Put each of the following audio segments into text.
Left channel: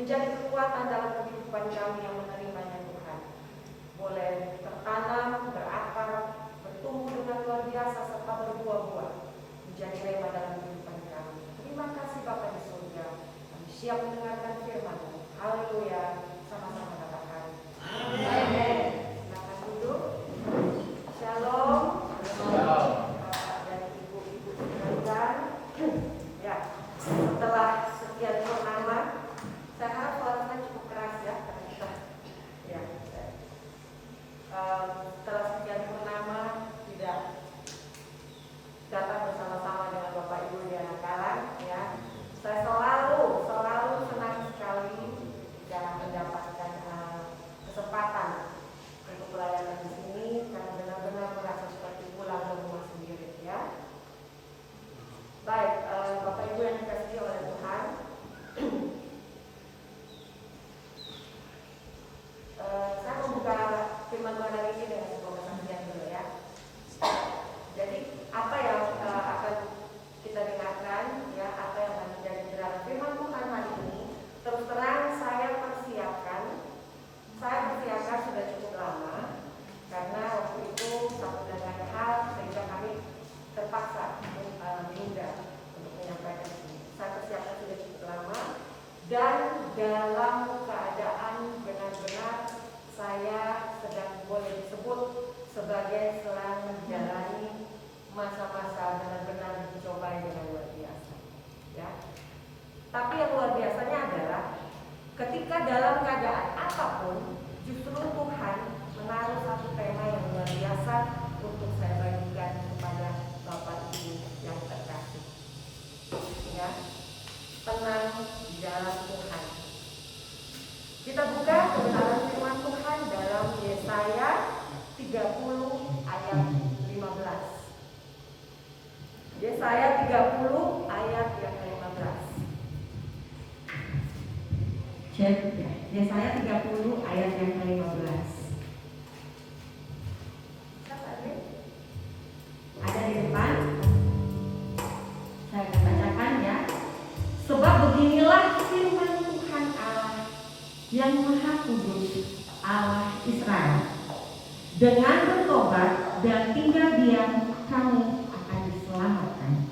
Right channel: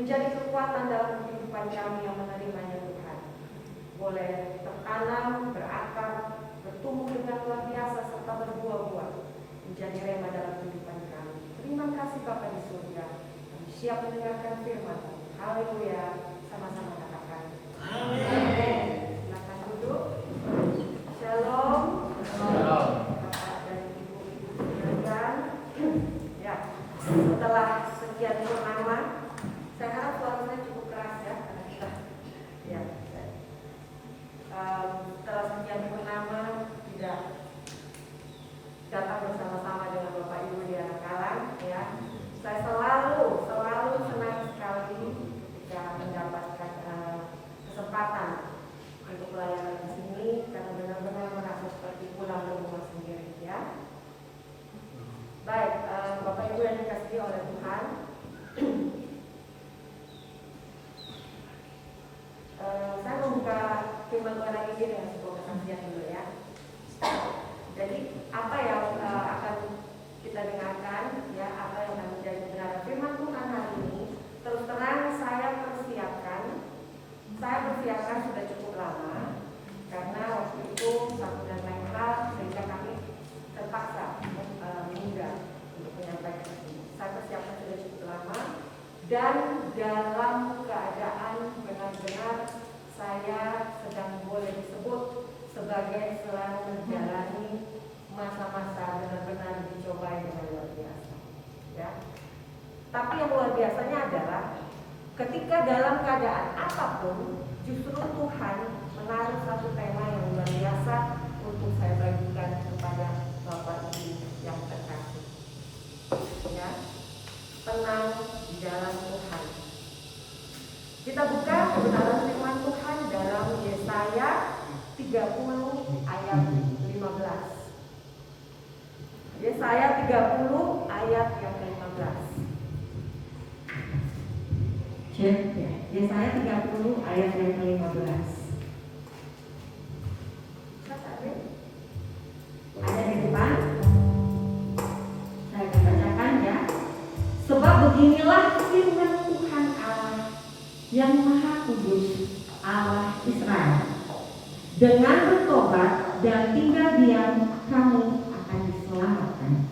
menjadi kekuatan dalam kehidupan kami yang menerimanya Tuhan. Boleh tertanam, berakar, bertumbuh dengan luar biasa serta berbuah-buah menjadi rema dalam kehidupan kami. Terima kasih Bapa di surga. Kami siap mendengarkan firman. Haleluya. Sama-sama katakan. Amin. Silakan duduk. Shalom. Shalom. Bapak dan Ibu-ibu sekalian. Ya, setelah sekian purnama, saya harap suaranya cukup keras ya. Ya. Setelah sekian purnama tidak datang bersama-sama dengan Bapak Ibu di anak-anak ya. Saya selalu senang sekali jika mendapatkan kesempatan untuk pelayanan di sini karena benar-benar merasa seperti pulang ke rumah sendiri ya. Baik, Bapak Ibu yang dikasihi oleh Tuhan. Saya membuka firman Tuhan hari ini dengan sebuah kesaksian dulu ya. Jadi apa yang akan kita dengarkan ya, apa yang akan menjadi kebenaran firman Tuhan hari ini, terus terang saya persiapkan sudah cukup lama karena waktu itu satu dan lain hal sehingga kami terpaksa menunda untuk menyampaikan ini. Saya persiapkan sudah cukup lama dan dalam keadaan benar-benar saya sedang boleh disebut sebagai sedang menjalani masa-masa benar-benar dicobai dengan luar biasa ya. Tapi yang luar biasanya adalah ketika dalam keadaan apapun justru Tuhan menaruh satu tema yang luar biasa untuk saya bagikan kepada Bapak Ibu yang terkasih ya. Tenang di dalam Tuhan. Kita buka kebenaran firman Tuhan dalam Yesaya 30 ayat 15. Yesaya 30 ayat yang ke-15. Yesaya 30 ayat yang ke-15. Ada di depan. Saya akan bacakan ya. Sebab beginilah firman Tuhan Allah yang Maha Kudus, Allah Israel. Dengan bertobat dan tinggal diam, kamu akan diselamatkan.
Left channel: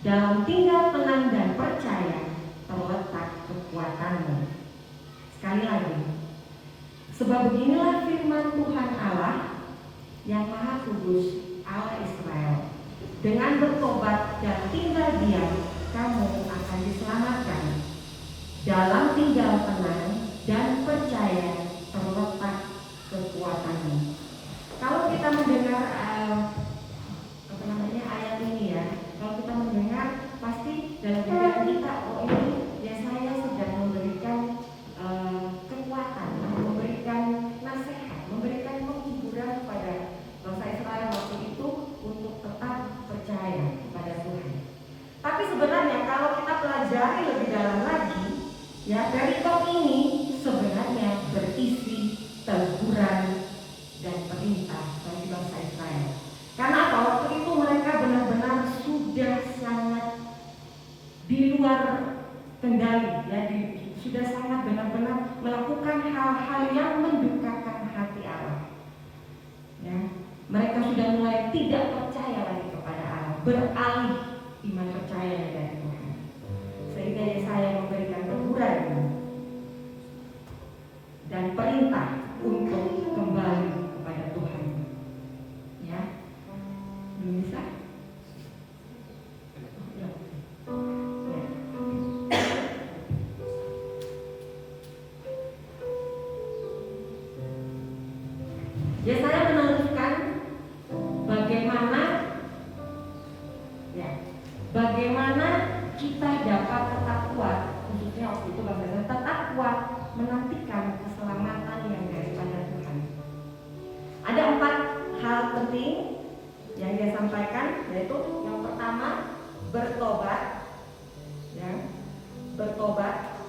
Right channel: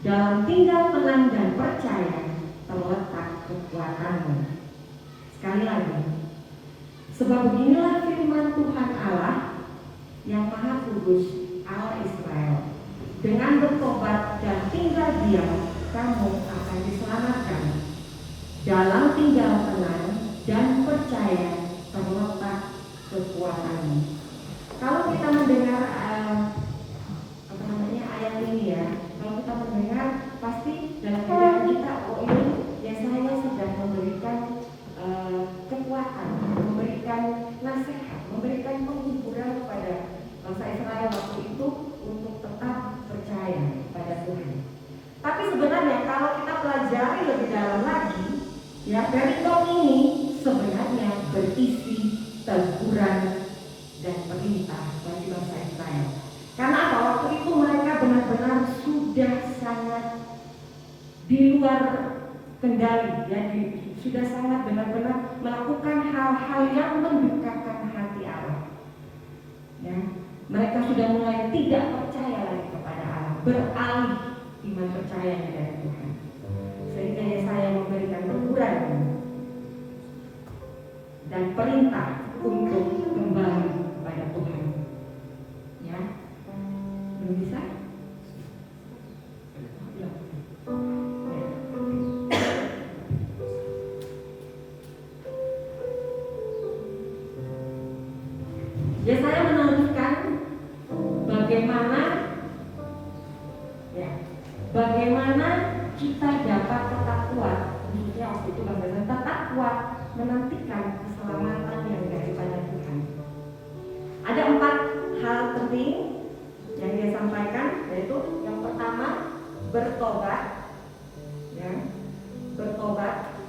Dalam tinggal tenang dan percaya terletak kekuatanmu. Sekali lagi, sebab beginilah firman Tuhan Allah yang Maha Kudus, Allah Israel. Dengan bertobat dan tinggal diam, kamu akan diselamatkan. Dalam tinggal tenang dan percaya terletak kekuatanmu. Kalau kita mendengar ayat ini ya, kalau kita mendengar pasti dalam pikiran kita, oh ini Yesaya sedang memberikan kekuatan, memberikan nasihat, memberikan penghiburan kepada bangsa Israel waktu itu untuk tetap percaya kepada Tuhan. Tapi sebenarnya kalau kita pelajari lebih dalam lagi, ya perikop ini sebenarnya berisi teguran dan perintah bagi bangsa Israel. Karena apa? Waktu itu mereka benar-benar sudah sangat di luar kendali, ya, sudah sangat benar-benar melakukan hal-hal yang mendukakan hati Allah. Ya, mereka sudah mulai tidak percaya lagi kepada Allah, beralih iman percayanya dari Tuhan. Sehingga Yesaya memberikan teguran dan perintah untuk kembali kepada Tuhan. Ya, belum bisa? Yesaya menuliskan bagaimana kita dapat tetap kuat, khususnya waktu itu bagaimana tetap kuat menantikan keselamatan yang daripada Tuhan. Ada 4 hal penting yang dia sampaikan, yaitu yang pertama bertobat, ya, bertobat.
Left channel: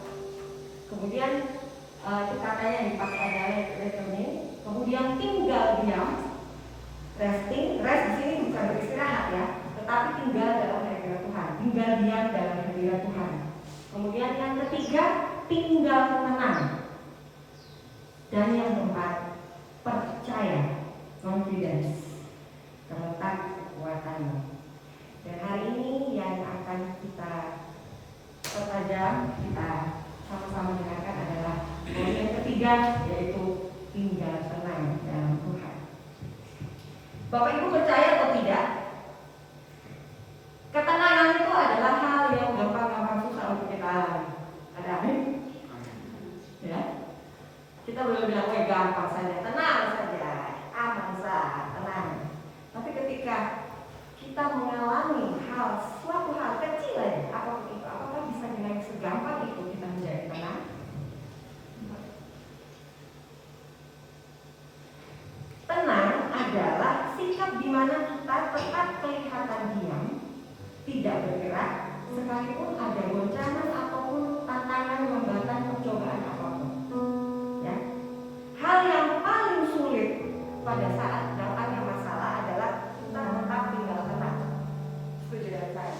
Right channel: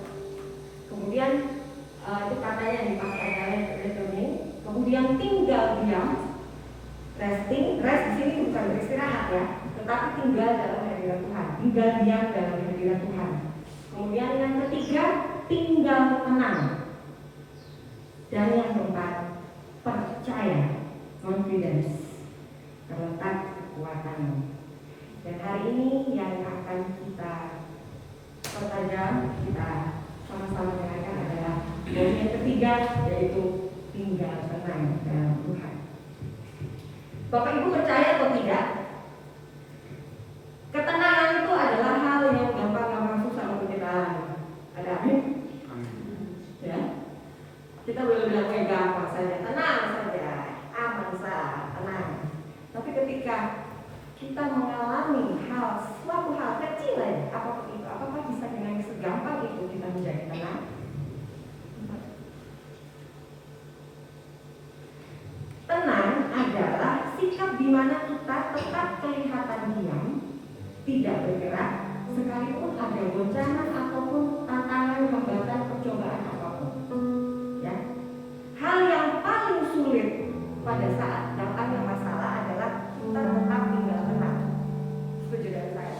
Kemudian itu katanya yang pas ada rekening. Kemudian tinggal diam, resting. Rest di sini bukan beristirahat ya, tetapi tinggal dalam hadirat Tuhan, tinggal diam dalam hadirat Tuhan. Kemudian yang ketiga, tinggal tenang. Dan yang keempat, percaya, confidence, terletak kekuatanmu. Dan hari ini yang akan kita pertajam, kita sama-sama dengarkan adalah poin yang ketiga, yaitu tinggal tenang dalam Tuhan. Bapak Ibu percaya atau tidak? Ketenangan itu adalah hal yang gampang susah untuk kita alami. Ada amin? Ya. Kita boleh bilang gampang saja, tenang saja, aman saja, tenang. Tapi ketika kita mengalami suatu hal kecil aja, apapun itu, apakah bisa dengan segampang itu kita menjadi tenang? Tenang adalah sikap di mana kita tetap kelihatan diam, tidak bergerak, sekalipun ada goncangan ataupun tantangan, hambatan, percobaan apapun. Ya. Hal yang paling sulit pada saat datangnya masalah adalah kita tetap tinggal tenang. Setuju dengan saya?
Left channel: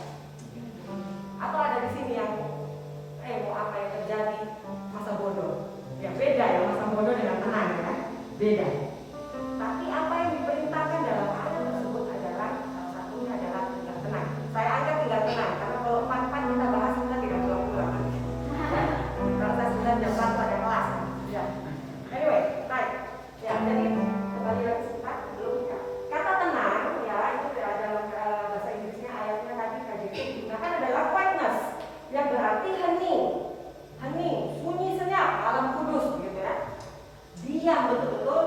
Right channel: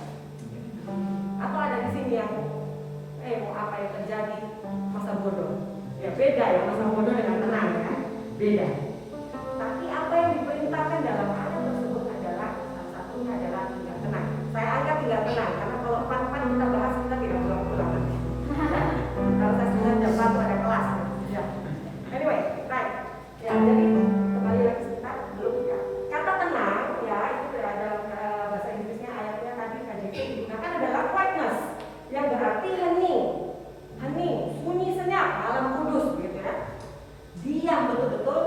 Atau ada di sini yang mau apa yang terjadi, masa bodoh? Ya beda ya, masa bodoh dengan tenang kan? Beda. Tapi apa yang diperintahkan dalam ayat tersebut adalah salah satunya adalah tinggal tenang. Saya angkat tinggal tenang karena kalau pan-pan kita bahas kita tidak pulang-pulang. Ya, kalau saya sudah jam 1 ada kelas. Ya. Anyway, baik. Ya, jadi kembali lagi sebentar belum ya. Kata tenang ya itu ada bahasa Inggrisnya ayatnya tadi KJV digunakan adalah quietness yang berarti hening, sunyi senyap, alam kudus gitu ya. Diam betul-betul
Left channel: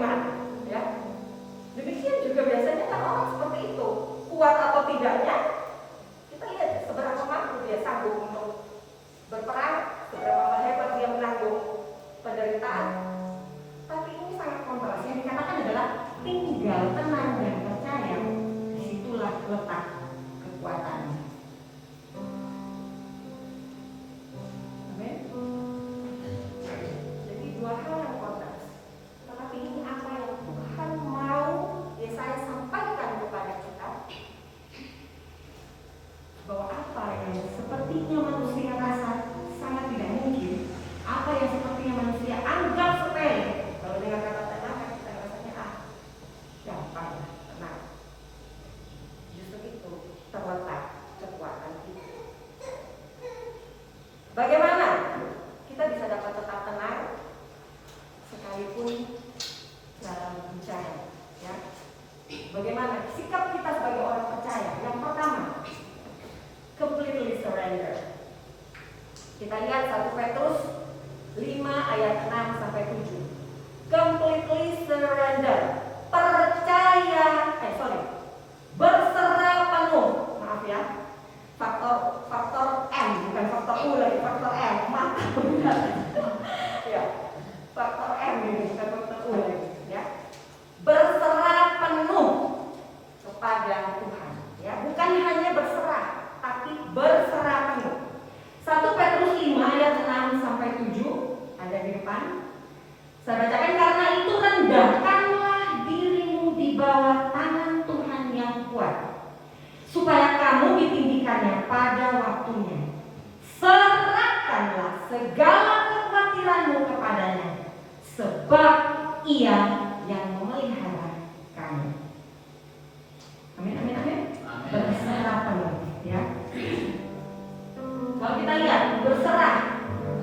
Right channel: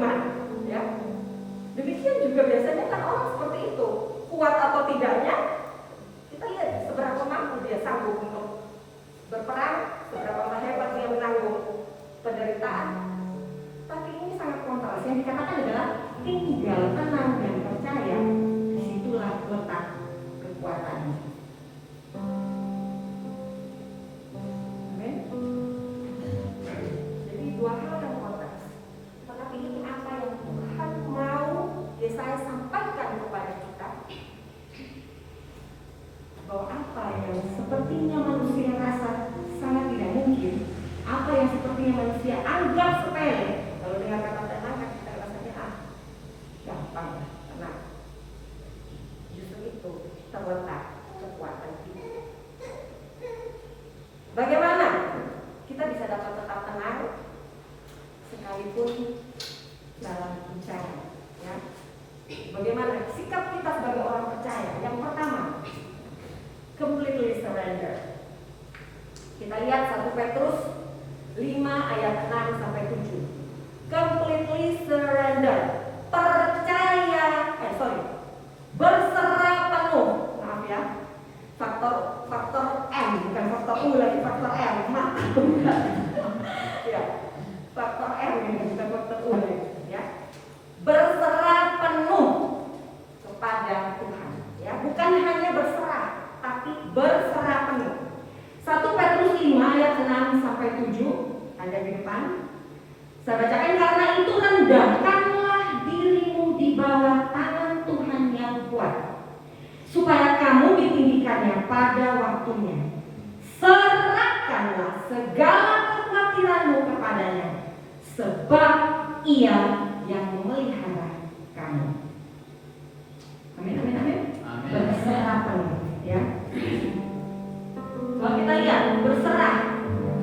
bagaimana? Ya. Demikian juga biasanya kan orang seperti itu, kuat atau tidaknya, kita lihat seberapa mampu dia sanggup untuk berperang, seberapa hebat dia menanggung penderitaan. Tapi ini sangat kontras. Yang dikatakan adalah tinggal tenang dan percaya, disitulah letak kekuatannya. Amin. Jadi dua hal yang kontras. Tetapi ini apa yang Tuhan mau Yesaya sampaikan kepada kita, bahwa apa yang sepertinya manusia rasa sangat tidak mungkin, apa yang sepertinya manusia anggap sepele, kalau dengar kata tenang kan kita rasanya gampang, tenang. Justru itu terletak kekuatan kita. Bagaimana kita bisa dapat tetap tenang sekalipun dalam bencana? Ya. Bagaimana sikap kita sebagai orang percaya? Yang pertama, completely surrender. Kita lihat 1 Petrus 5 ayat 6 sampai 7. Completely surrender. Berserah penuh. Maaf ya. Faktor M, bukan faktor U lagi, faktor M. Maaf. Ya. Faktor M ini bukan faktor U lagi, ya. Berserah penuh kepada Tuhan, ya. Bukan hanya berserah, tapi berserah penuh. 1 Petrus 5 ayat 6 sampai 7 ada di depan. Saya bacakan, karena itu rendahkanlah dirimu di bawah tangan Tuhan yang kuat, supaya kamu ditinggikannya pada waktunya. Serahkanlah segala kekhawatiranmu kepadanya, sebab Ia yang memelihara kamu. Amin, amin, amin. Berserah penuh, ya. Kalau kita lihat berserah,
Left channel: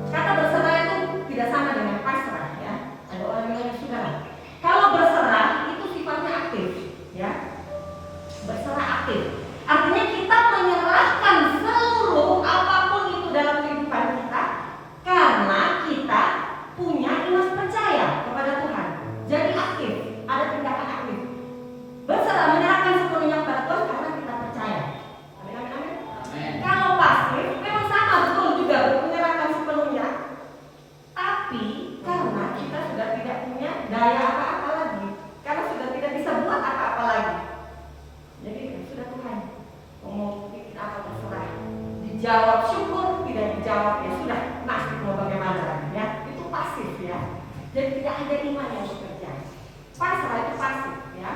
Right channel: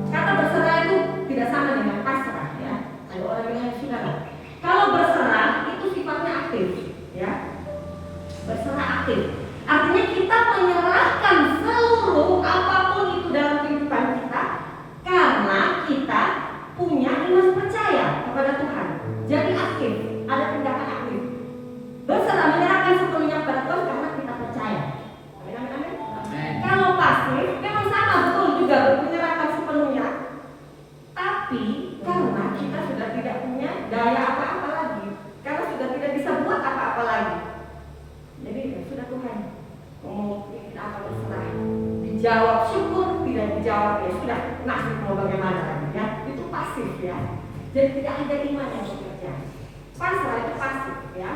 kata berserah itu tidak sama dengan pasrah, ya. Ada orang yang sudah. Kalau berserah itu sifatnya aktif, ya. Berserah aktif, artinya kita menyerahkan seluruh apapun itu dalam kehidupan kita, karena kita punya iman percaya kepada Tuhan. Jadi aktif, ada tindakan aktif. Berserah, menyerahkan sepenuhnya kepada Tuhan karena kita percaya. Amin, amin, amin. Kalau pasif, memang sama, betul juga, menyerahkan sepenuhnya. Tapi karena kita sudah tidak punya daya apa-apa lagi, karena sudah tidak bisa buat apa-apa lagi, jadi ya sudah, Tuhan mau bikin apa terserah. Dijawab syukur, tidak dijawab ya sudah, nasib mau bagaimana lagi, ya. Itu pasif, ya. Jadi tidak ada iman yang bekerja. Pasrah itu pasif, ya.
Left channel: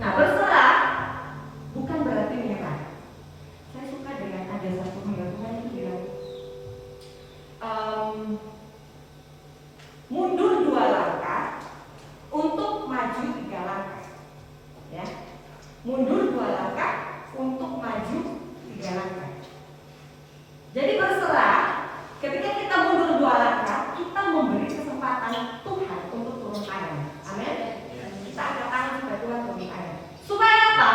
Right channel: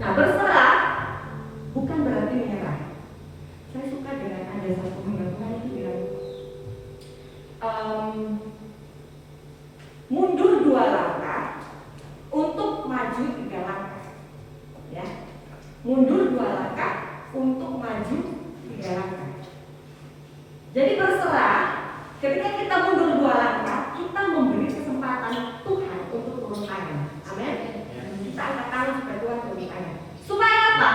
Nah, berserah bukan berarti menyerah. Saya suka dengan ada satu pengetahuan yang bilang mundur 2 langkah untuk maju 3 langkah, ya. Mundur 2 langkah untuk maju 3 langkah. Jadi berserah, ketika kita mundur 2 langkah, kita memberi kesempatan Tuhan untuk turun tangan. Amin. Kita angkat tangan supaya Tuhan turun tangan. Supaya apa?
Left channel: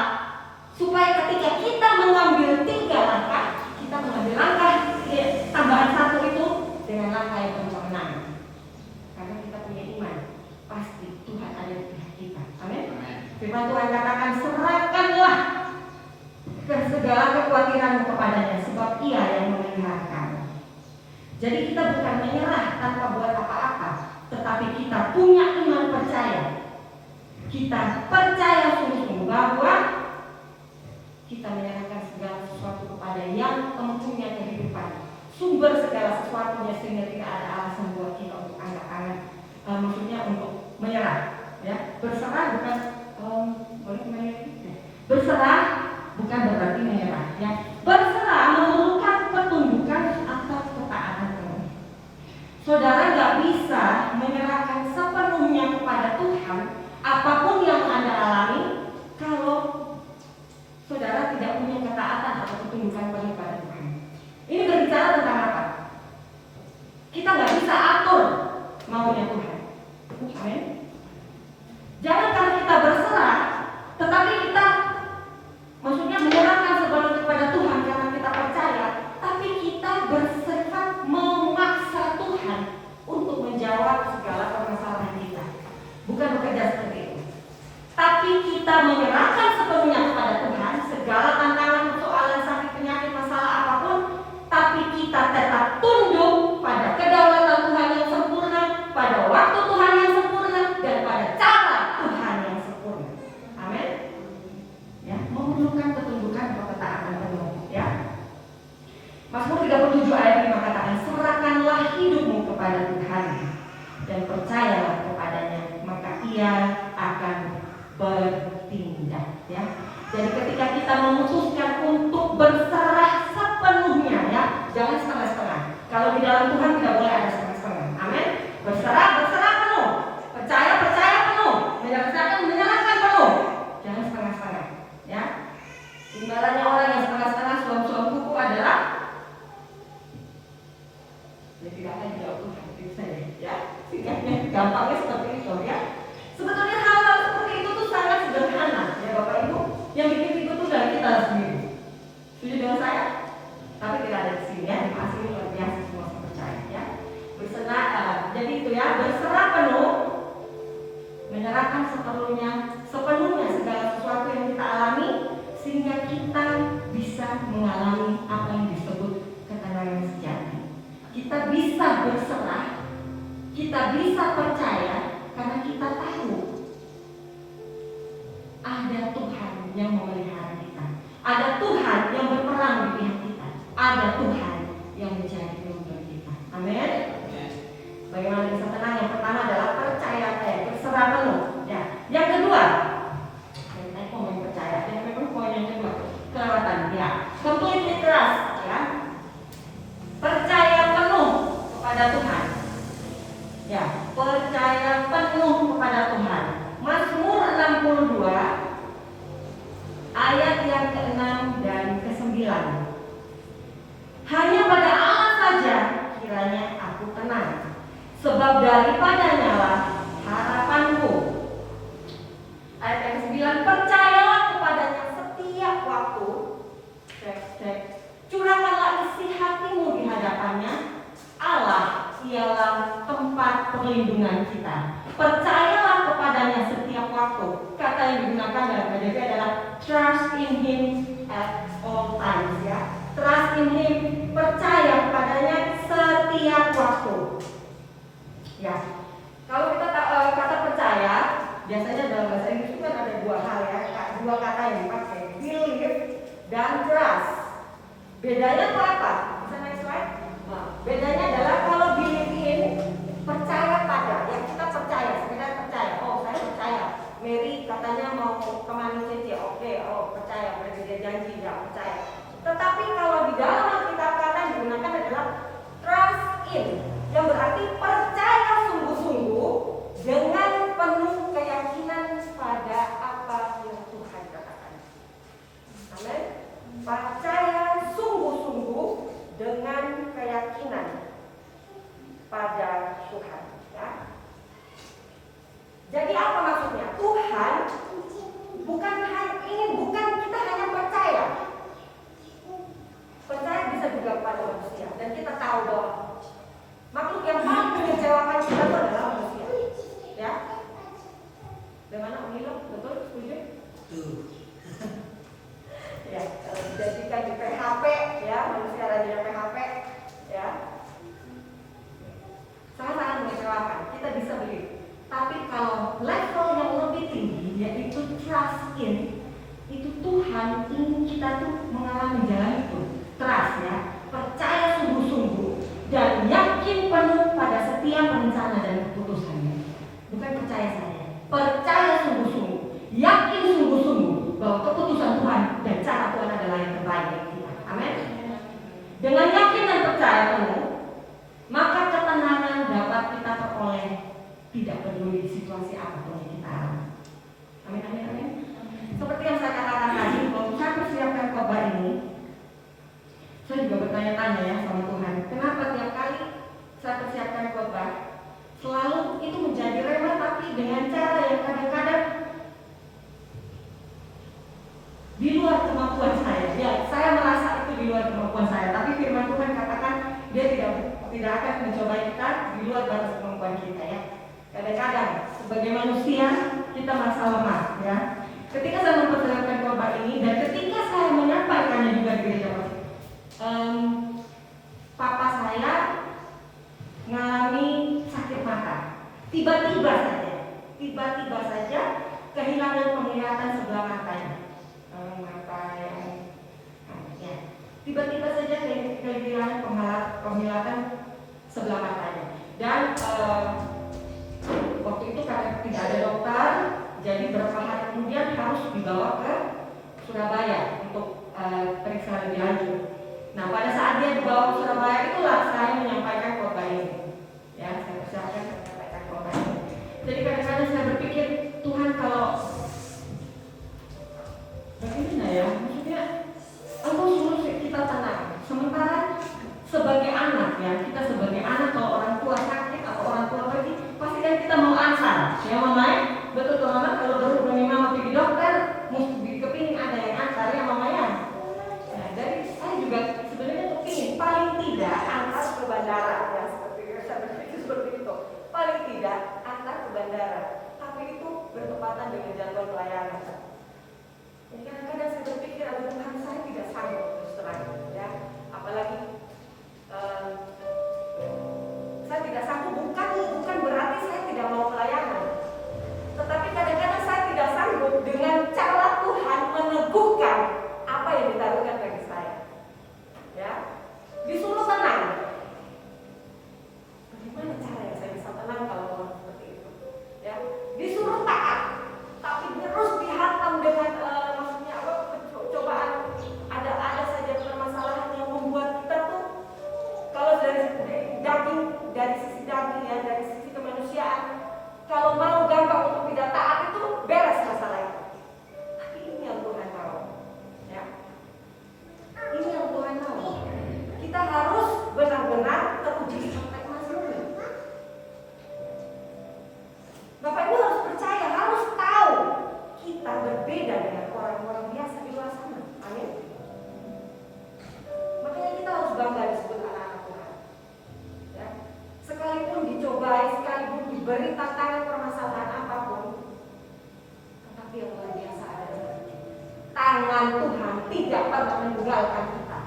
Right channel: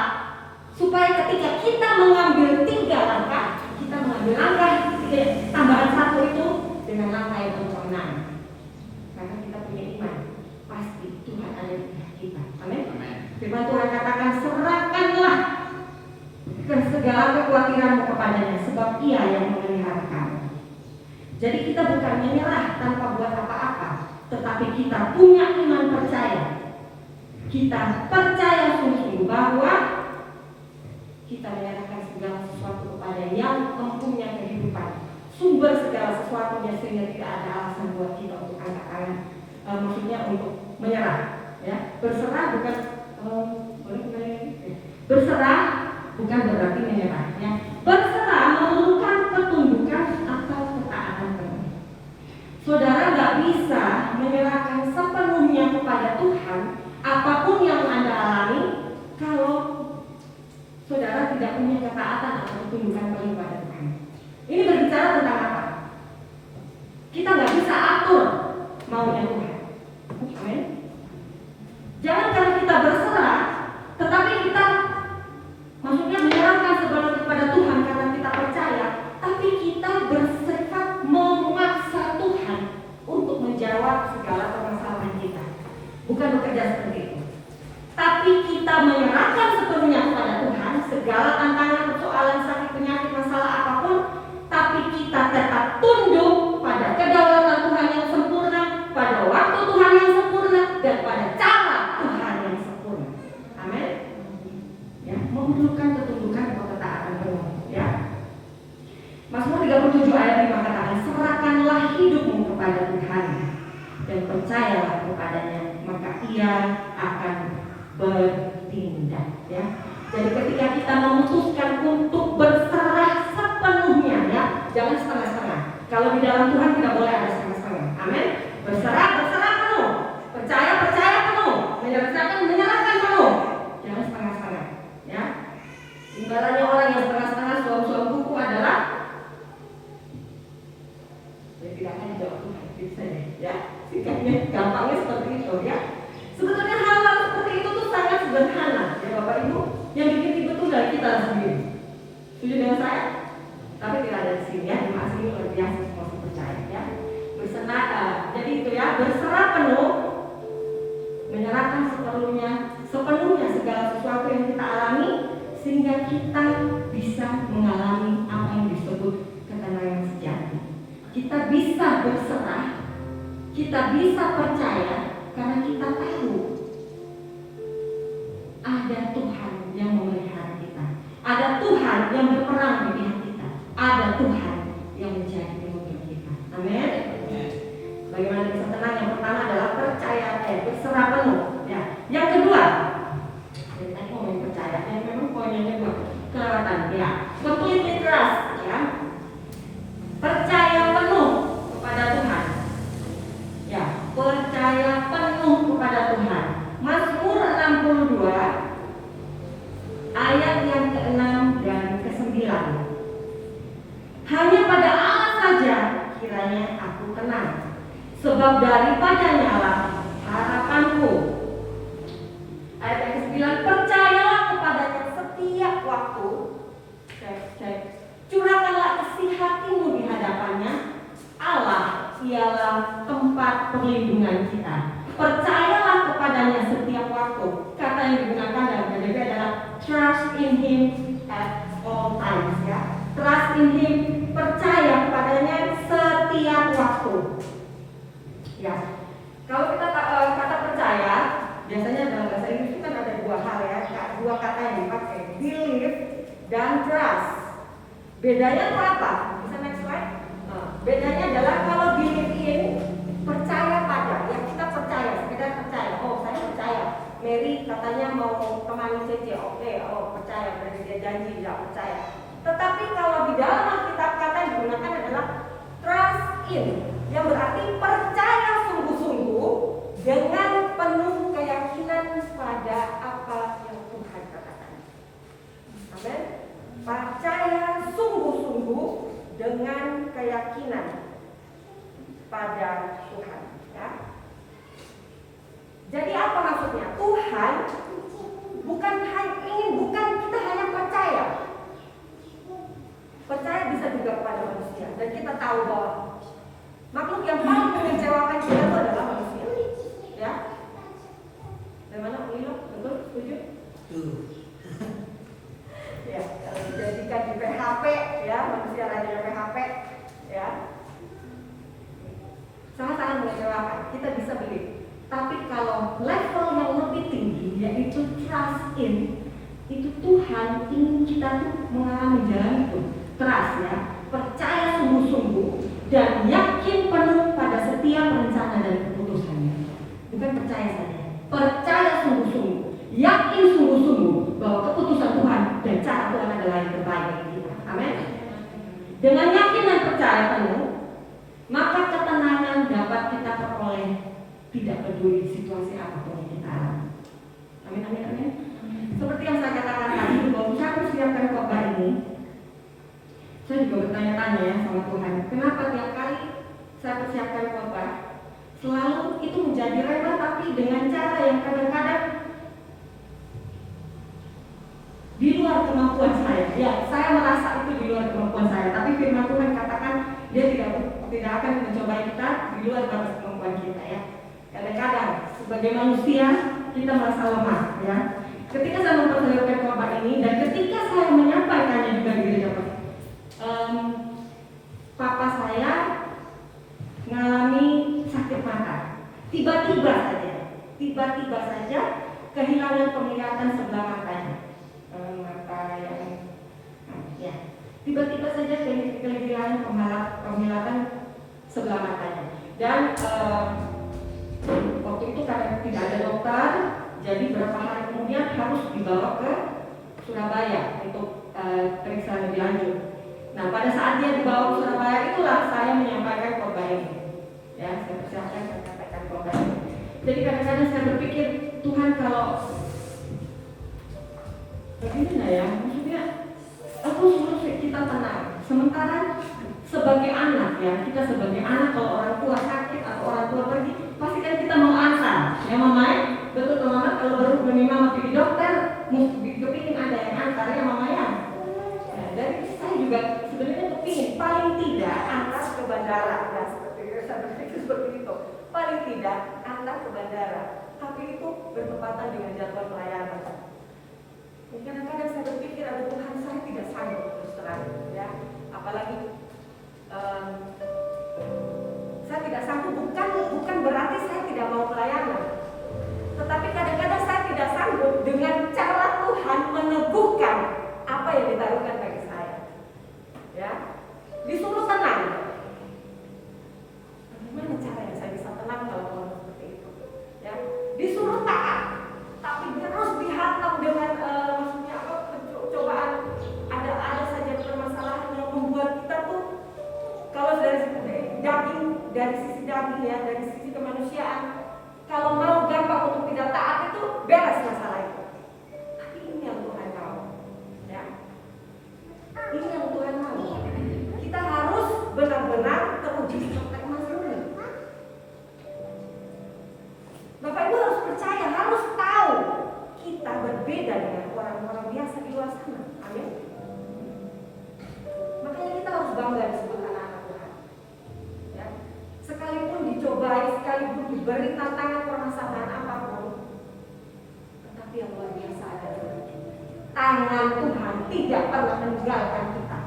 Supaya ketika kita mengambil 3 langkah, kita mengambil langkah tambahan 1 itu dengan langkah yang berkemenangan. Karena kita punya iman, pasti Tuhan ada di pihak kita. Amin. Firman Tuhan katakan, serahkanlah segala kekhawatiranmu kepadanya, sebab Ia yang memelihara kamu. Jadi kita bukan menyerah tanpa buat apa-apa, tetapi kita punya iman percaya. Kita percaya sungguh bahwa kita menyerahkan segala sesuatu kepada yang mempunyai kehidupan, sumber segala sesuatunya, sehingga tidak ada alasan buat kita untuk angkat-angkat, maksudnya untuk menyerah, ya. Berserah bukan boleh kembali lagi? Berserah bukan berarti menyerah, ya. Berserah memerlukan ketundukan atau ketaatan penuh. Saudara nggak bisa menyerahkan sepenuhnya kepada Tuhan apapun yang Anda alami kalau saudara tidak punya ketaatan atau ketundukan penuh pada Tuhan. Ini berbicara tentang apa? Kita nggak bisa atur maunya Tuhan. Amin. Jangan kalau kita berserah, tetapi kita maksudnya menyerahkan sepenuhnya kepada Tuhan, 7 ayat 5 katakan, serahkanlah hidupmu kepada Tuhan dan percayalah kepadanya, maka Ia akan bertindak. Ya. Jadi ketika kita memutuskan untuk berserah sepenuhnya, ya, jangan setengah-setengah. Kalau di dalam Tuhan tidak boleh ada setengah-setengah. Amin. Berserah penuh. Percaya penuh. Menyerahkan penuh. Jangan setengah-setengah. Ya. Imbalannya orang yang setengah-setengah suam-suam kuku adalah ya tidak akan jawab Tuhan. Bisa ya. Sikapnya gampangnya seperti itu, ya. Sebetulnya hal-hal seperti itu tuh sangat sederhana, ya Bapak Ibu. Yang bikin itu tuh dari kita sendiri. Setuju dengan saya? Tapi tidak ada di sini, ya. Masih luar biasa semua percaya, ya. Jadi itu ya, berserah penuh, menyerahkan sepenuhnya segala sesuatu yang kita alami, sehingga kita bisa mengalami apa yang disebut ketenangan sejati. Kita bisa berserah, kita bisa percaya karena kita tahu ada Tuhan yang memelihara kita, ada Tuhan yang berperang di pihak kita, ada Tuhan yang menjadi penolong kita. Amin. Bagaimana bisa tenang? Yang pertama adalah percaya, berserah penuh. Ya. Yang kedua, saya ngomong percaya, yang memang poin yang kedua, kelewatan. Ya, completely trust. Ya, percaya penuh kepada Tuhan. Ya, percaya penuh kepada Tuhan. Mazmur 62 ayat yang ke-6 dan ke-9. Hanya pada Allah saja kiranya aku tenang, sebab daripadanya lah harapanku. Ayat yang ke-9, percayalah kepadanya setiap waktu. Curahkanlah isi hatimu di hadapannya. Allah ialah tempat perlindungan kita. Percayalah kepadanya setiap waktu. Kata yang digunakan dalam KJV adalah trust in Him at all times. Ya, trust in Him, percaya kepadanya setiap waktu. Ya, kalau kita kata percaya, biasanya dalam bahasa Inggris itu kan ada dua hal, ya, dua kata yang dipakai, believe dan trust. Bedanya apa? Bisa next slide? Bedanya adalah kalau believe in, percaya pada, yang kita percaya, sekedar percaya. Oh, saya percaya. Mary katanya mau kemana saja, oke, percaya, berarti dia janji, nggak percaya. Tetapi kalau di dalam Alkitab kata yang digunakan adalah trust in, yang berarti percaya sungguh-sungguh dengan penuh keyakinan pada apa yang Tuhan katakan. Amin. Percaya sungguh-sungguh dengan keyakinan pada Tuhan. Ya. Jadi apa maksudnya? Tuhan bukan kita hanya percaya. Percaya bisa juga kepada manusia, dan kita tahu bahwa makhluk yang paling mengecewakan kita itu adalah manusia. Ya. Bagaimana Milo? Betul? Setuju? Ya, kalau dijadikan di PHP, ya, manusia rajin PHP, ya, sangat-sangat mengecewakan. Kita bisa beli. Tapi kalau level yang lebih tinggi, yaitu trust in, itu Tuhan ingin kita tuh mengalami jalan itu. Trust, ya, percaya sungguh-sungguh dan yakin penuh pada setiap rencana dan keputusannya. Bukan percaya saja, percaya sungguh-sungguh, yakin sungguh-sungguh bahwa keputusan Tuhan dan cara Tuhan adalah yang terbaik bagi kita. Amin. Dengan yakin dan percaya penuh, maka ketenangan dapat kita peroleh, tidak peduli situasi apapun yang kita alami. Amin, amin, amin. Seperti yang saya katakan tadi, bahwa saya persiapkan khotbah ini, saya juga bertanya-tanya ya sama Tuhan, kenapa tiap kali saya persiapkan khotbah selalu itu menjadi rema, tapi dengan cara yang kadang-kadang di luar kemampuan saya. Ya, saya merasa itu di luar kemampuan saya, tapi firman Tuhan katakan dia tidak akan mencoba kita di luar batas kemampuan kita, ya. Kadang-kadang sebagai manusia kita merasa lemah, ya. Ketika saya mempersiapkan khotbah ini dan ketika saya menyampaikannya juga di gereja, papa saya mengalami sakit mata. Tiba-tiba saja kehilangan penglihatan sebelah matanya. Mata yang ya. Tiba-tiba saja kegilaan penglihatan sebelah matanya. Dan waktu itu karena tidak ada dokter, jadi beberapa hari kemudian harus dibawa ke Surabaya untuk periksa lebih lanjut. Nah, pada saat dia dibawa ke Surabaya itulah saya menyampaikan khotbah ini. Ya, saya persiapkan menyampaikan khotbah ini. Jadi kadang-kadang saya berpikir, Tuhan kalau bagaimana ya, maksudnya engkau suruh kita tenang. Sementara sebagai anak ya, kita sebagai anak kalau orang tua sakit atau orang tua pergi, pasti kan kita mau ansar. Ya Mama, betul teman-teman, kalau baru punya mama pergi dokter, mesti kepingin ada yang ansar ya Mama ya. Nah, dari saya juga sebenarnya kepingin paling tidak antar ke bandara ya, seperti saya berpikir seperti itu. Paling tidak antar ke bandara, tapi itu bertepatan dengan jadwal pelayanan. Kadang-kadang saya berpikir, ada Tuhan saya tidak sanggup terus terang, ya. Apalagi saya tidak sanggup, bukan berarti saya tidak mau pelayanan, tetapi kadang-kadang saya tidak sanggup dengan cara Tuhan meneguhkan apa yang ditaruhkan bagi saya, ya. Disuruh tenang, bagaimana caranya saya bisa tenang kalau Tuhan seperti itu, ya. Disuruh taat, tapi terus dihantam dengan maksudnya apa, cobaan, ada saja permasalahan yang membuat kita tuh, kalau dari sisi daging ya, dari sisi kemanusiaan, kalau mau gampang untuk tidak taat itu beres masalah itu. Tapi ini yang Tuhan tahu, ya. Ini yang Tuhan tahu. Kita harus benar-benar teruji sampai emas murni. Bapak Ibu harus percaya, harus tahu kita berbeda dengan orang-orang biasa di luar sana. Amin. Makanya kita harus bangga disebut anak-anak Tuhan. Ya. Sekalipun dicobai, sekalipun diberi tantangan permasalahan apapun, tetapi yang luar biasa adalah tangan Tuhan tidak pernah meninggalkan kita.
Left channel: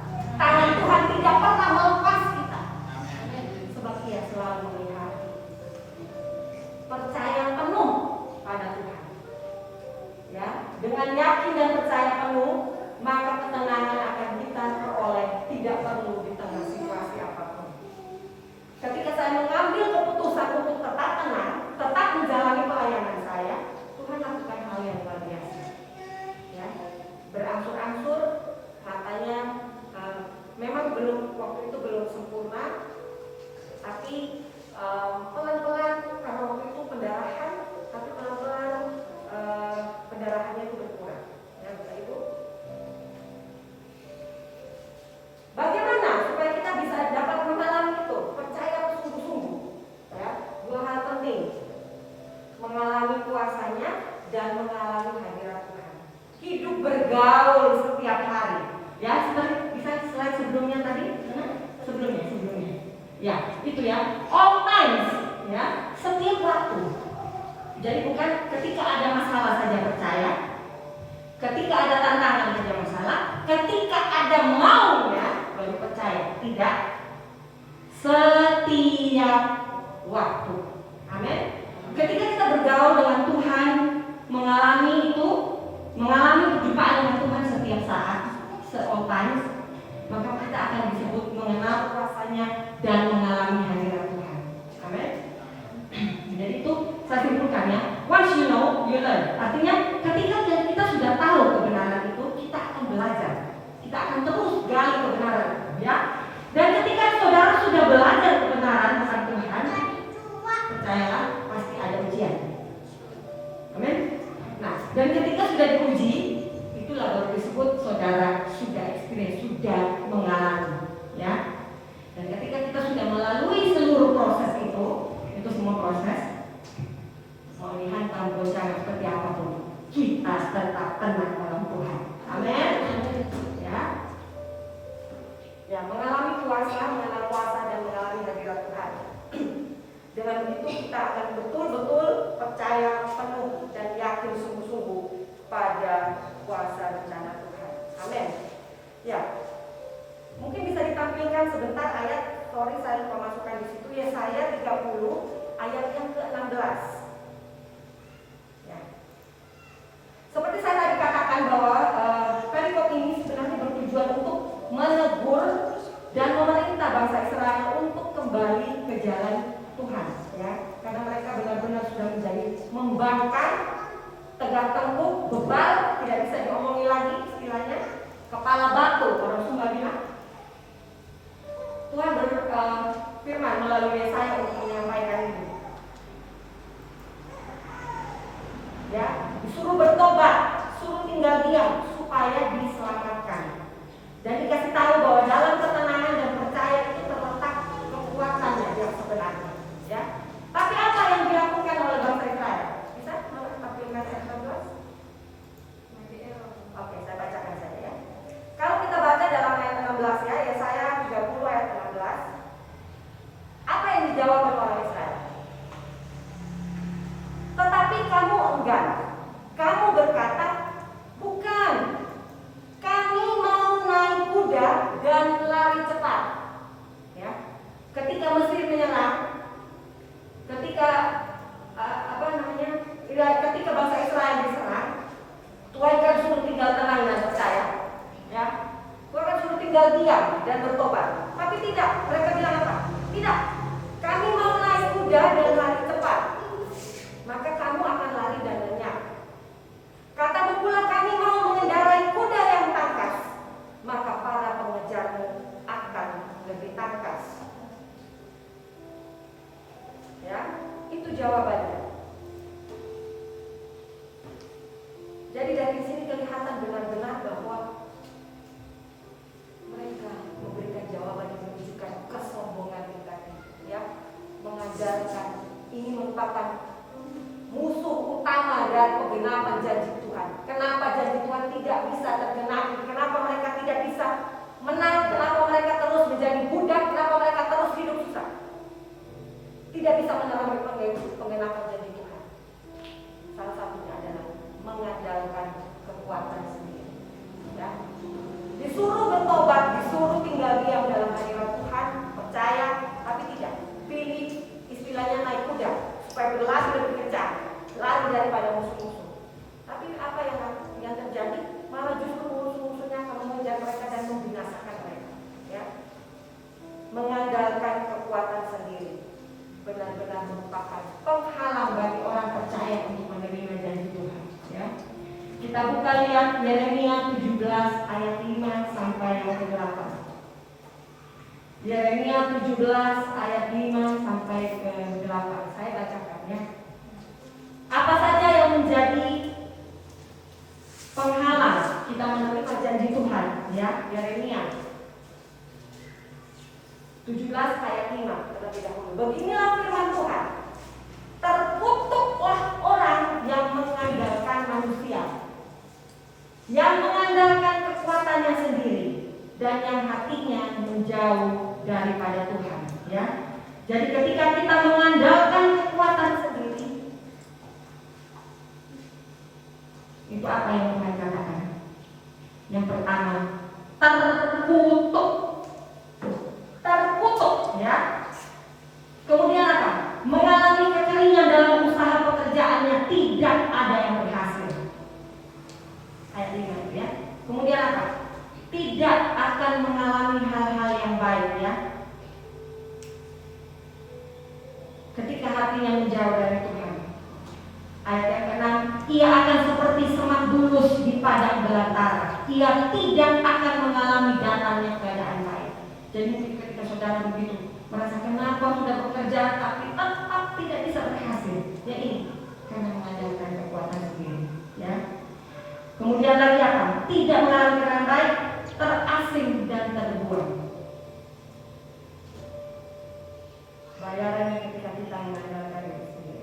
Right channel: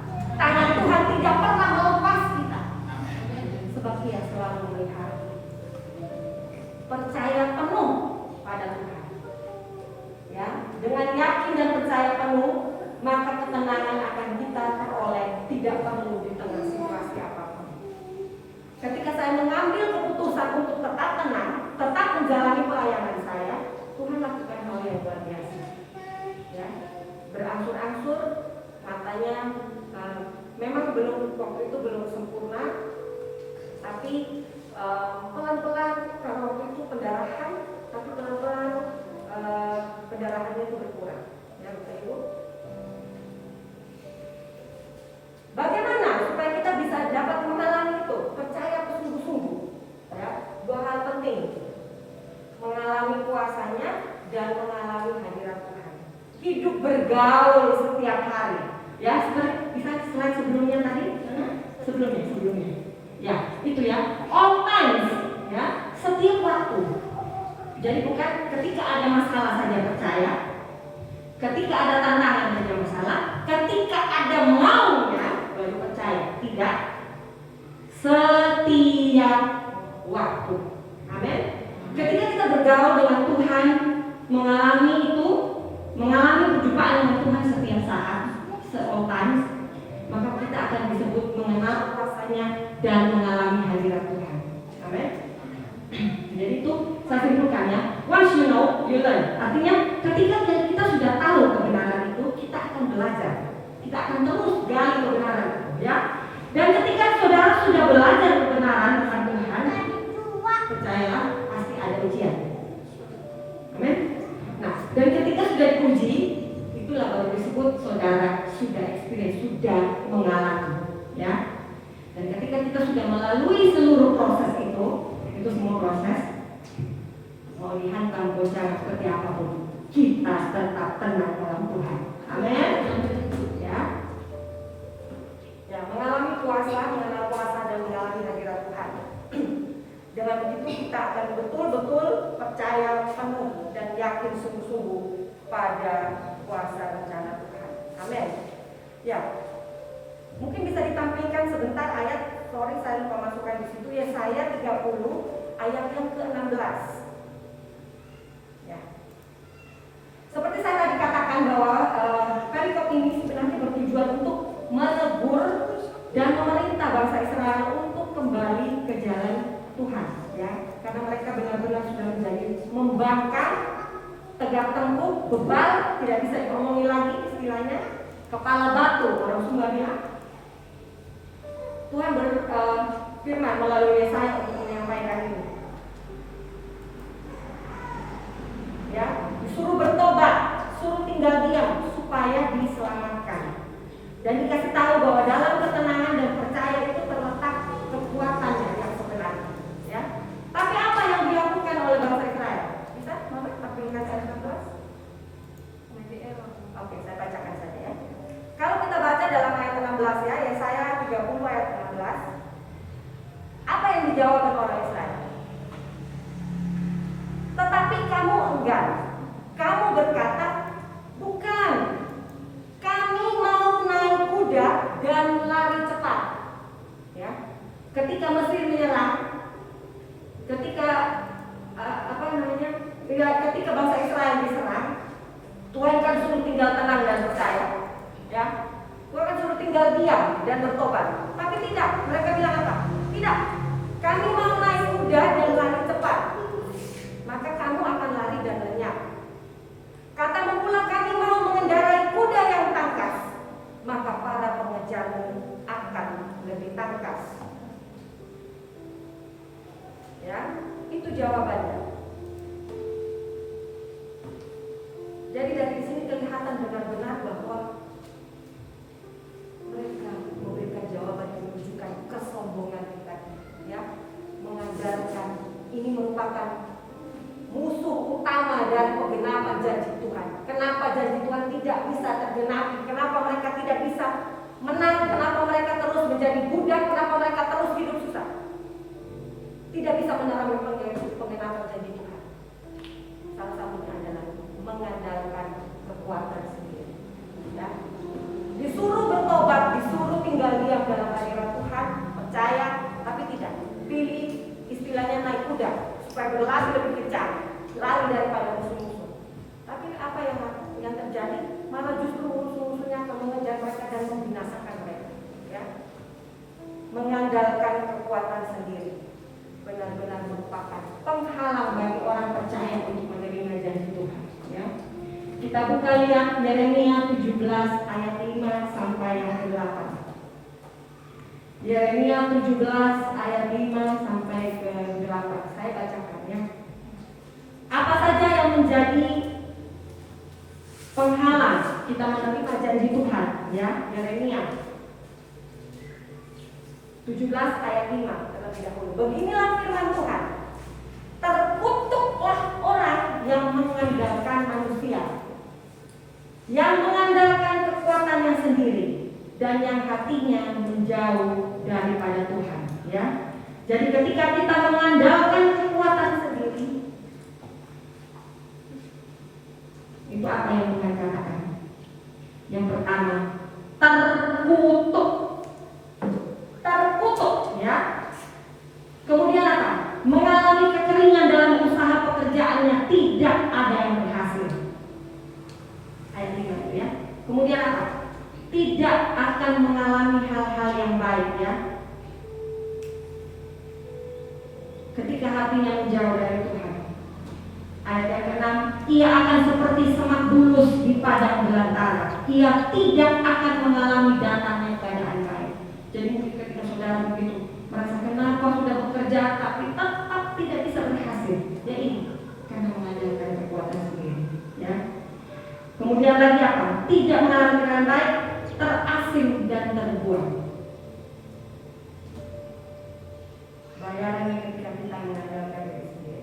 Tangan Tuhan tidak pernah melepas kita. Sebab Ia selalu melihat. Percaya penuh pada Tuhan. Ya, dengan yakin dan percaya penuh, maka ketenangan akan kita peroleh, tidak perlu di tengah situasi apapun. Ketika saya mengambil keputusan untuk tetap tenang, tetap menjalani pelayanan saya, Tuhan lakukan hal yang luar biasa. Ya, berangsur-angsur, matanya memang waktu itu belum sempurna, tapi pelan-pelan, karena waktu itu pendarahan, tapi pelan-pelan pendarahannya itu berkurang. Ya, Bapak Ibu. Bagaimana supaya kita bisa dapat mengalami itu? Percaya bersungguh-sungguh. Ya, dua hal penting: mengalami kuasanya dan mengalami hadirat Tuhan. Hidup bergaul setiap hari. Ya, seperti bisa slide sebelumnya tadi. Sebelumnya. Ya, itu ya. All times, ya, setiap waktu. Jadi bukan ketika ada masalah saja percaya, ketika ada tantangan saja masalah, ketika ada maunya baru percaya. Tidak, setiap waktu. Amin. Ketika kita bergaul dengan Tuhan, mengalami perjumpaan dengan Tuhan setiap saat, all times, maka kita akan disebut mengenal rasanya dan mengalami hadirat Tuhan. Amin. Jadi itu saya simpulkan ya. Once you know, you learn. Artinya ketika kita sudah tahu kebenaran itu, kita akan belajar. Kita akan terus gali kebenaran itu, ya. Dan ketika saudara sudah belajar kebenaran tentang Tuhan, percayalah pasti ada ujian. Amin. Nah, dan ketika sudah diuji, itulah baru disebut saudara sudah experience, sudah mengalami, ya. Dan ketika kita sudah melalui seluruh proses itu semua proses, mau dihantam goncang seperti apapun, kita tetap tenang dalam Tuhan. Amin. Ya, mengalami kuasa dan mengalami hadirat Tuhan. Dengan begitu kita akan betul-betul percaya penuh dan yakin sungguh-sungguh pada kuasa rencana Tuhan. Amin. Ya, mungkin bisa ditampilkan sebentar ayat. Sorry, saya lupa masukkan di situ. Yesaya 30 ayat yang ke-16. Ya. Seperti saya tadi katakan bahwa perikop ini sebenarnya bertujuan untuk menegur dan memerintah bangsa Israel untuk kembali ke jalan Tuhan, ya, karena mereka benar-benar sudah menjadi membangkang, tegak tengkuk, bebal, tidak bisa diomongi lagi istilahnya, kepala batu orang Sunda bilang. Tuhan berfirman melalui Yesaya untuk menyampaikan ini. Ya, disuruh bertobat, suruh tinggal diam supaya diselamatkan. Dan dikasih tahu bahwa dalam ketenangan dan percaya itu terletak kekuatannya yang sebenarnya. Ya. Tapi apa yang dilakukan oleh bangsa Israel? Bisa tampilkan ayat 16? Oke, saya bacakan saja ya. Kalau kita baca dalam ayat 16 ya, Yesaya 30 ayat 16. Apa yang dijawab oleh orang Israel? Tetapi kamu enggan. Kamu berkata, bukan. Kami mau naik kuda dan lari cepat. Ya. Ketika Mesir menyerang, ketika ketika bangsa Israel diserang, Tuhan kan suruh tinggal tenang dan percaya. Ya. Tuhan kan suruh tinggal diam dan bertobat. Tapi tidak, mereka bilang apa? Tidak. Kami mau naik kuda dan lari cepat. Maka kamu akan lari dan lenyap. Katamu pula, kami mau mengendarai kuda yang tangkas, maka para pengejarmu akan lebih tangkas. Ya, itu jawabannya. Jadi dari sini kelihatan benar-benar bahwa mereka memberikan jawaban yang menunjukkan kesombongan tadi, ya, mengajarkan ini merupakan musuh utama dari penggenapan janji Tuhan. Kenapa janji Tuhan tidak bisa tergenapi? Kenapa mereka tidak bisa menang? Kenapa mereka terus menjadi budak? Kenapa mereka terus hidup susah? Tidak bisa menerima penggenapan janji Tuhan. Salah satunya adalah mengandalkan kekuatan sendiri. Ya. Disuruh bertobat, disuruh tinggal diam dalam hadirat Tuhan, percaya, tapi tidak. Pilih istilahnya naik kuda supaya berlari lebih kencang, lari daripada musuh-musuh. Tapi apa yang terjadi? Malah justru musuh-musuhnya akan mengejar mereka dan membinasakan mereka. Ya. Mengandalkan kekuatan sendiri benar-benar merupakan penghalang bagi orang percaya untuk menerima janji Tuhan. Ya. Kita buka lihat Yeremia 17 ayat 5 sampai yang ke-8. Yeremia 17 ayat 5 sampai ke-8. Saya bacakan ya. Apa saja yang menjadi penghalang kita menerima janji Tuhan, ya? Yeremia 17 ayat 5 terlebih dahulu. Beginilah firman Tuhan. Terkutuklah orang yang mengandalkan manusia, yang mengandalkan kekuatannya sendiri, dan yang hatinya menjauh daripada Tuhan, ya. Jadi ketika kita mengandalkan kekuatan sendiri, itu apa yang Tuhan katakan? Yang pertama, terkutuk, ya. Kemudian apa? Mengalami kekeringan dalam usaha pekerjaannya, tidak ada yang berhasil. Ayat 5 itu ya. Kemudian apa? Tidak akan mengalami hal-hal yang baik, ya. Ketika hatinya menjauh dari Tuhan. Ayat yang ke-6, ia akan seperti semak bulus di padang belantara. Ia tidak akan mengalami datangnya keadaan baik. Jadi mungkin ketika saudara begitu merasa kenapa sudah bekerja tapi tetap tidak bisa berhasil. Ya ini karena mengandalkan kekuatan sendiri, ya. Kemudian lagi apa? Tidak mengalami dengan baik, terasing dan terbuang. Bayarannya ketika kita mengandalkan diri sendiri.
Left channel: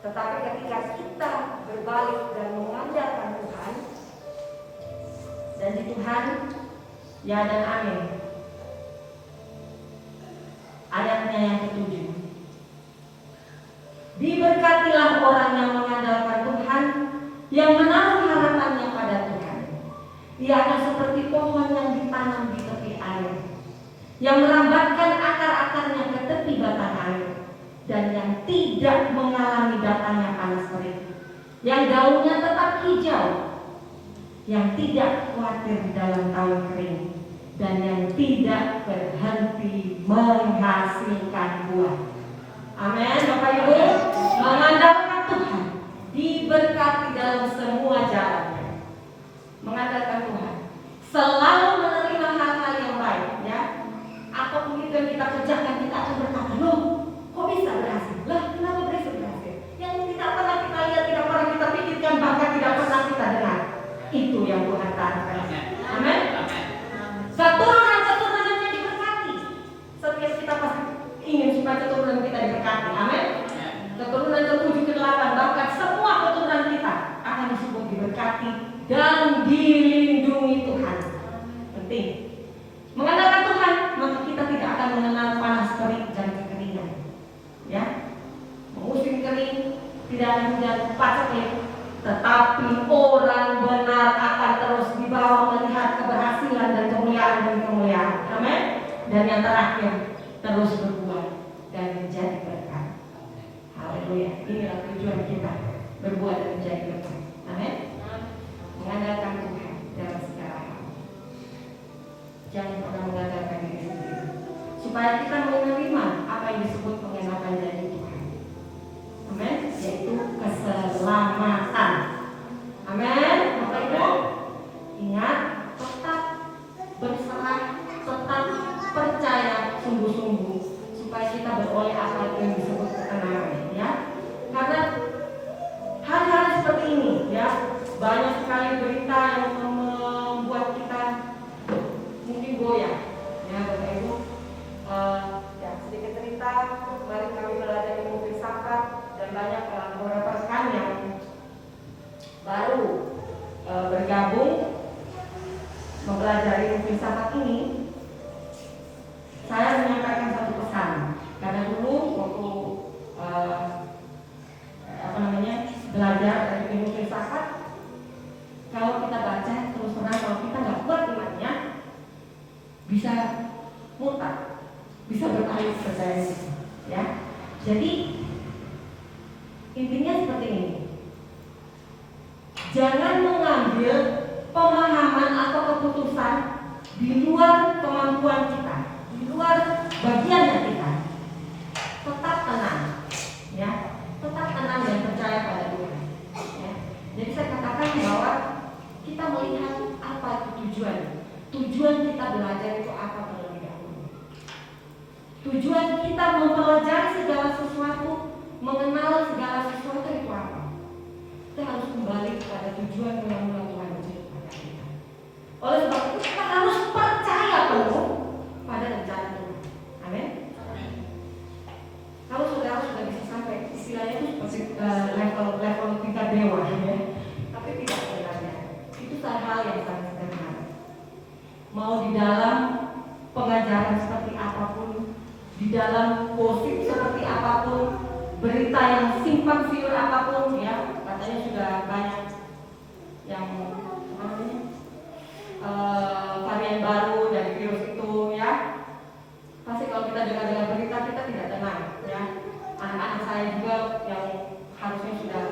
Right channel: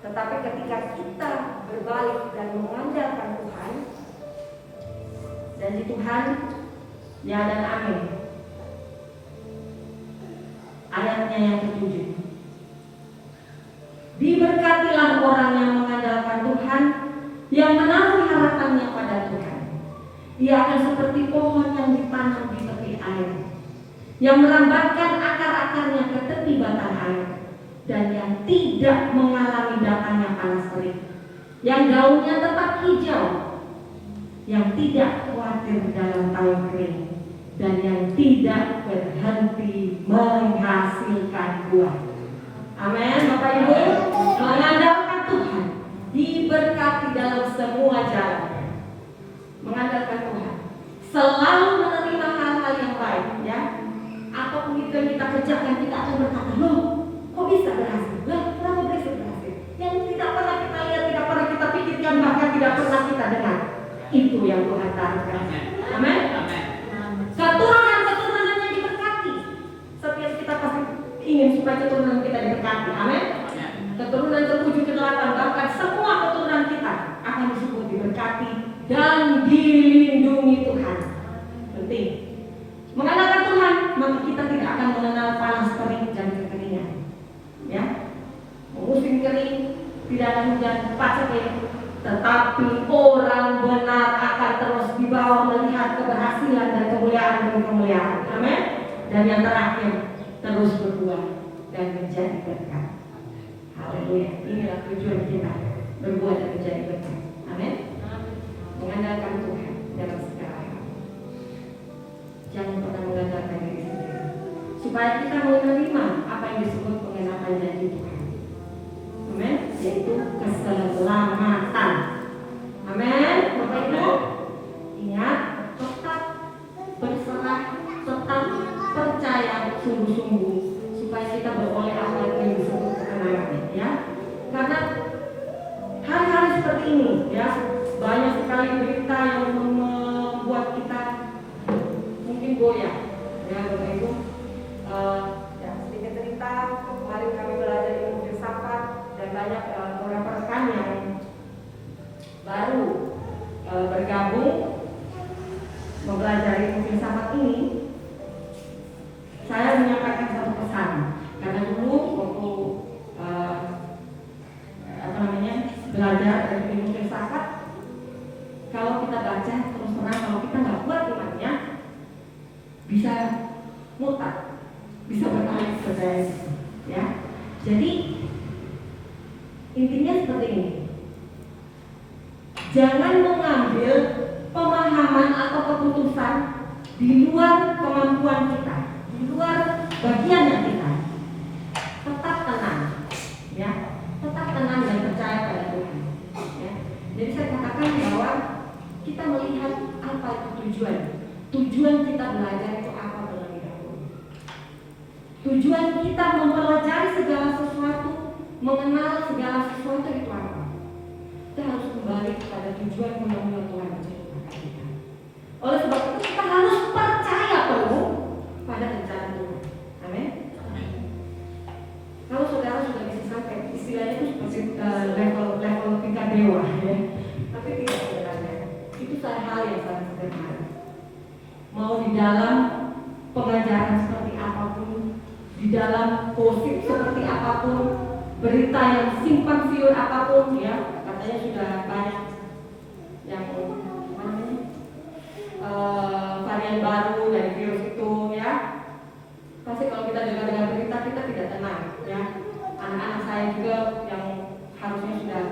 Tetapi ketika kita berbalik dan mengandalkan Tuhan, dan di Tuhan, ya dan amin. Ayatnya yang ke-7. Diberkatilah orang yang mengandalkan Tuhan, yang menaruh harapannya pada Tuhan. Ia akan seperti pohon yang ditanam di tepi air, yang merambatkan akar-akarnya ke tepi batang air, dan yang tidak mengalami datangnya panas terik, yang daunnya tetap hijau, yang tidak khawatir dalam tahun kering, dan yang tidak berhenti menghasilkan buah. Amin, Bapak Ibu. Mengandalkan Tuhan, diberkati dalam semua jalannya. Mengandalkan Tuhan, selalu menerima hal-hal yang baik, ya. Apapun itu yang kita kerjakan, kita akan berkata, loh, kok bisa berhasil? Loh, kenapa bisa berhasil? Yang tidak pernah kita lihat, tidak pernah kita pikirkan, bahkan tidak pernah kita dengar. Itu yang Tuhan katakan. Amin. Keturunan-keturunannya diberkati. Setiap kita pasti ingin supaya keturunan kita diberkati. Amin. Keturunan ke-7, ke-8, bahkan semua keturunan kita akan disebut diberkati dan dilindungi Tuhan. Penting. Mengandalkan Tuhan, maka kita tidak akan mengenal panas terik dan kekeringan. Ya, musim kering, tidak ada hujan, pasti, tetapi orang benar akan terus dibawa melihat keberhasilan dan kemuliaan demi kemuliaan. Amin. Dan yang terakhir, terus berbuah dan menjadi berkat. Haleluya. Inilah tujuan kita, berbuah dan menjadi berkat. Amin. Mengandalkan Tuhan dalam segala hal. Jangan pernah mengandalkan diri sendiri, supaya kita menerima apa yang disebut mengenakan janji Tuhan. Amin. Yaitu keselamatan. Amin. Bapak Ibu, ingat, tetap berserah, tetap percaya sungguh-sungguh, supaya kita beroleh apa yang disebut ketenangan, ya. Karena hari-hari seperti ini, ya, banyak sekali berita yang membuat kita mungkin goyah, ya, Bapak Ibu. Ya, sedikit cerita, kemarin kami belajar ilmu filsafat dan banyak beberapa rekan yang baru bergabung mempelajari ilmu filsafat ini. Saya menyampaikan satu pesan, karena dulu waktu belajar dari ilmu filsafat, kalau kita baca terus terang, kalau kita nggak kuat imannya, bisa murtad, bisa beralih percaya, ya. Jadi intinya seperti ini. Jangan mengambil pemahaman atau keputusan di luar kemampuan kita, di luar bagiannya kita. Tetap tenang, ya. Tetap tenang dan percaya pada Tuhan, ya. Jadi saya katakan bahwa kita melihat apa itu tujuan. Tujuan kita belajar itu apa terlebih dahulu. Tujuan kita mempelajari segala sesuatu, mengenal segala sesuatu itu apa. Kita harus kembali kepada tujuan mula-mula Tuhan menciptakan kita. Oleh sebab itu kita harus percaya penuh pada rencana Tuhan. Amin. Kalau saudara sudah bisa sampai, istilahnya itu seperti level tingkat dewa, ya. Tapi tidak sebenarnya. Itu hal yang sangat sederhana. Mau di dalam pengajaran seperti apapun, di dalam gosip seperti apapun, berita yang simpang siur apapun, ya, katanya sudah banyak yang varian baru dari virus itu, ya. Pasti kalau kita dengar berita kita tidak tenang, ya. Anak-anak saya juga yang harusnya sudah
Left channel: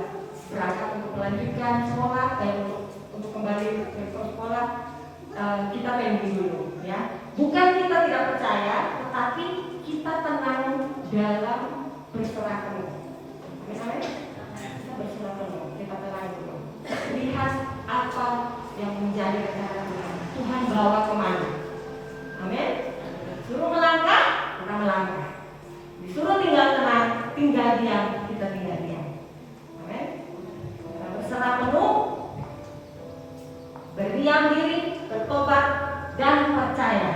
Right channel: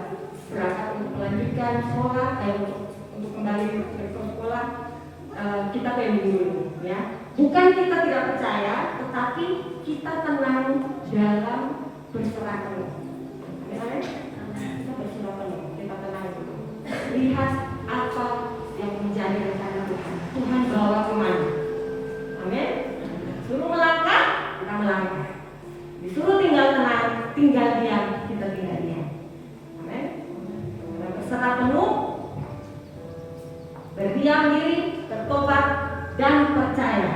berangkat untuk melanjutkan sekolah, untuk kembali ke sekolah, kita pending dulu, ya. Bukan kita tidak percaya, tetapi kita tenang dalam berserah penuh. Misalnya kita berserah penuh, kita tenang dulu. Lihat apa yang menjadi rencana Tuhan. Tuhan bawa kemana? Amin. Suruh melangkah, kita melangkah. Disuruh tinggal tenang, tinggal diam, kita tinggal diam. Amin. Kita berserah penuh, berdiam diri, bertobat, dan percaya,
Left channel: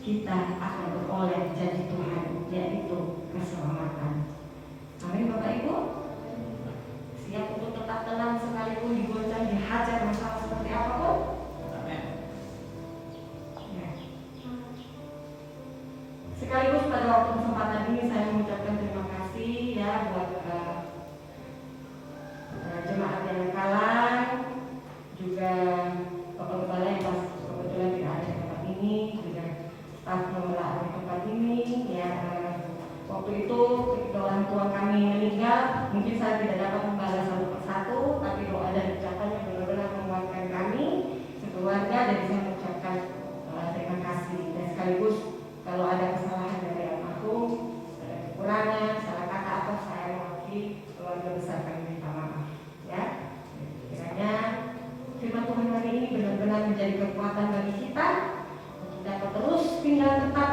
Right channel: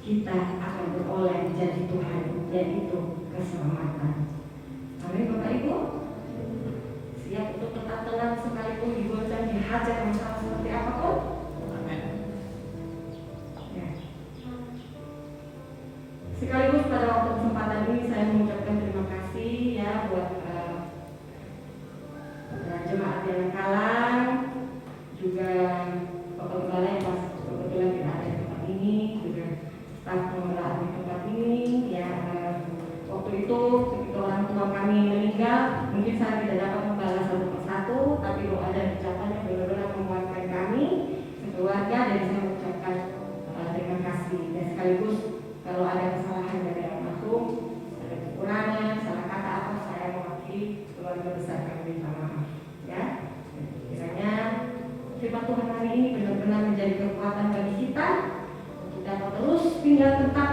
kita akan beroleh janji Tuhan, yaitu keselamatan. Amin, Bapak Ibu. Siap untuk tetap tenang sekalipun digoncang, dihajar masalah seperti apapun. Ya. Sekaligus pada waktu kesempatan ini saya mengucapkan terima kasih, ya, buat jemaat yang kalah, juga Bapak Gembala yang pas kebetulan tidak ada di tempat ini, juga staf pembelaan di tempat ini, ya. Waktu itu ketika orang tua kami meninggal, mungkin saya tidak dapat membalas satu persatu, tapi doa dan ucapan yang benar-benar menguatkan kami sekaligus kalau ada kesalahan dari almarhum, ada kekurangan, salah kata atau saya mewakili keluarga besar kami minta maaf. Ya, kiranya firman Tuhan hari ini benar-benar menjadi kekuatan bagi kita. Kita terus tinggal tetap